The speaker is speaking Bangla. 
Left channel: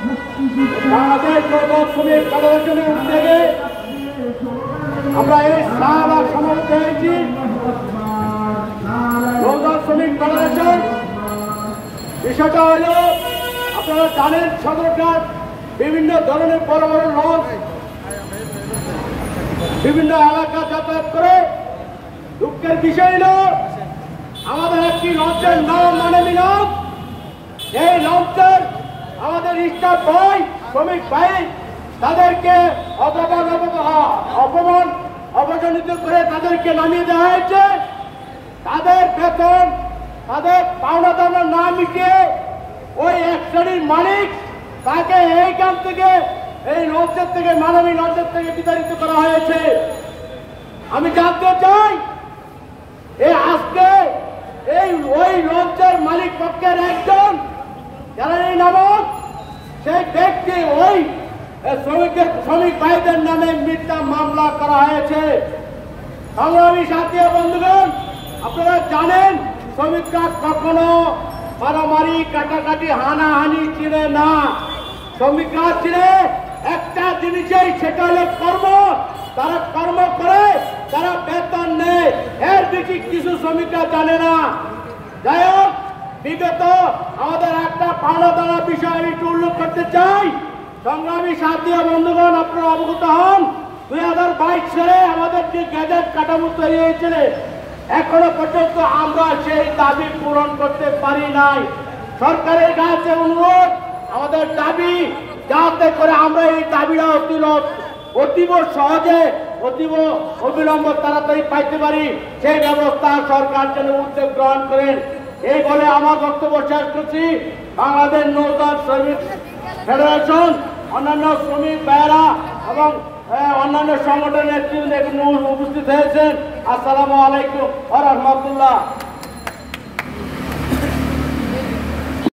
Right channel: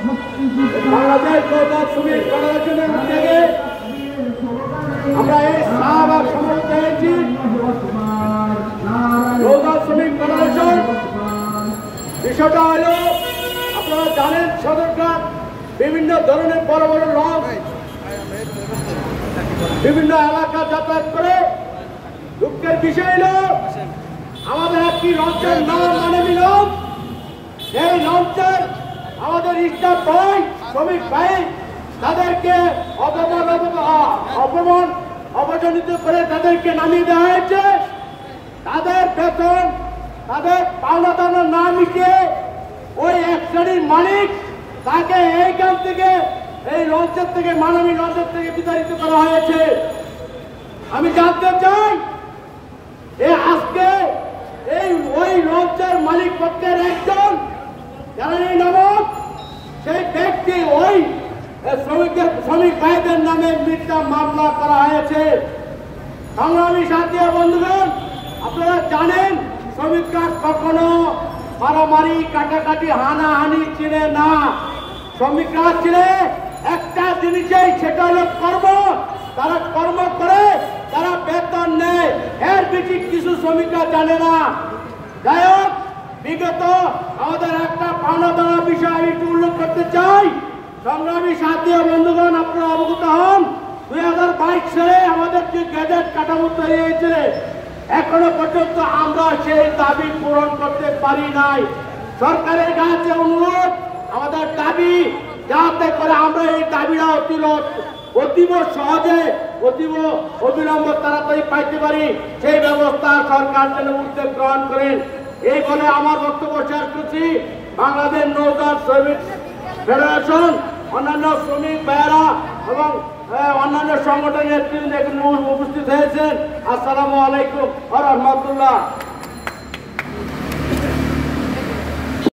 বাংলাদেশ নৌযান শ্রমিক ফেডারেশনের উদ্যোগে আমরা এই শাহবাগ সমবেত হয়েছি। নৌযান শ্রমিক ফেডারেশন বিষয়টা হল আপনারা জানেন, সরকার বিভিন্ন ধরনের বড় বড় লঞ্চ বিভিন্ন এলাকা যাতায়াত করে। দুঃখের বিষয় হল আমাদের একটি লঞ্চের নাম মানবী লঞ্চ। এই লঞ্চের আমাদের স্টাফ ভাই, শ্রমিক ভাই, তাদেরকে অপমানিত করে তাদেরকে নামিয়ে দেওয়া হয়েছে। তাদের বেতন, তাদের পাওনা দানা না মিটিয়ে ওই এক শ্রেণীর মালিক তাকে এইখান থেকে, এই লঞ্চের থেকে, মানবী লঞ্চের থেকে বিতাড়িত করা হয়েছে। আমি জানতে চাই, আজকে ওই লঞ্চের মালিক পক্ষের একজন জ্বালানি নামক সেই ব্যক্তি ওই শ্রমিক ভাইদের নামে মিথ্যা মামলা করা হয়েছে। সংগ্রামী সাথী বন্ধুগণ, আপনারা জানেন শ্রমিকরা কখনো মারামারি, কাটাকাটি, হানাহানি চিনে না। শ্রমিকরা চিনে একটা জিনিসেই, সেটা হলো কর্ম। তারা কর্ম করে, তারা বেতন নেয়, এর বেশি কিছু শ্রমিকরা জানে না। যাই হোক, বিগত আমাদের একটা পাওনা দানা বিষয় আমি একটু উল্লেখ করতে চাই। সংগ্রামী সাথী বন্ধুগণ, আপনারা অবগত হন, 2022 সালে আমাদের যে গ্যাজেট কাঠামো তৈরি হয়েছিল, এখনো পর্যন্ত আমরা সেই দাবি পূরণ করতে পারি নাই। সরকারের কাছে অনুরোধ, আমাদের দাবি যাতে করে আমরা এই দাবিটা অতীব সহজে, অতীব অবিলম্ব তাড়াতাড়ি পাইতে পারি, সেই ব্যবস্থা সরকার যেন উদ্যোগ গ্রহণ করেন। এই বলে আমার বক্তব্য শেষ করছি। বাংলাদেশ নৌযান শ্রমিক ফেডারেশন, অন্যান্য শ্রমিক ভাইয়েরা এবং অন্যান্য সংগঠনের নেতৃত্ব উপস্থিত হয়েছেন। আসসালামু আলাইকুম ওয়া রাহমাতুল্লাহ।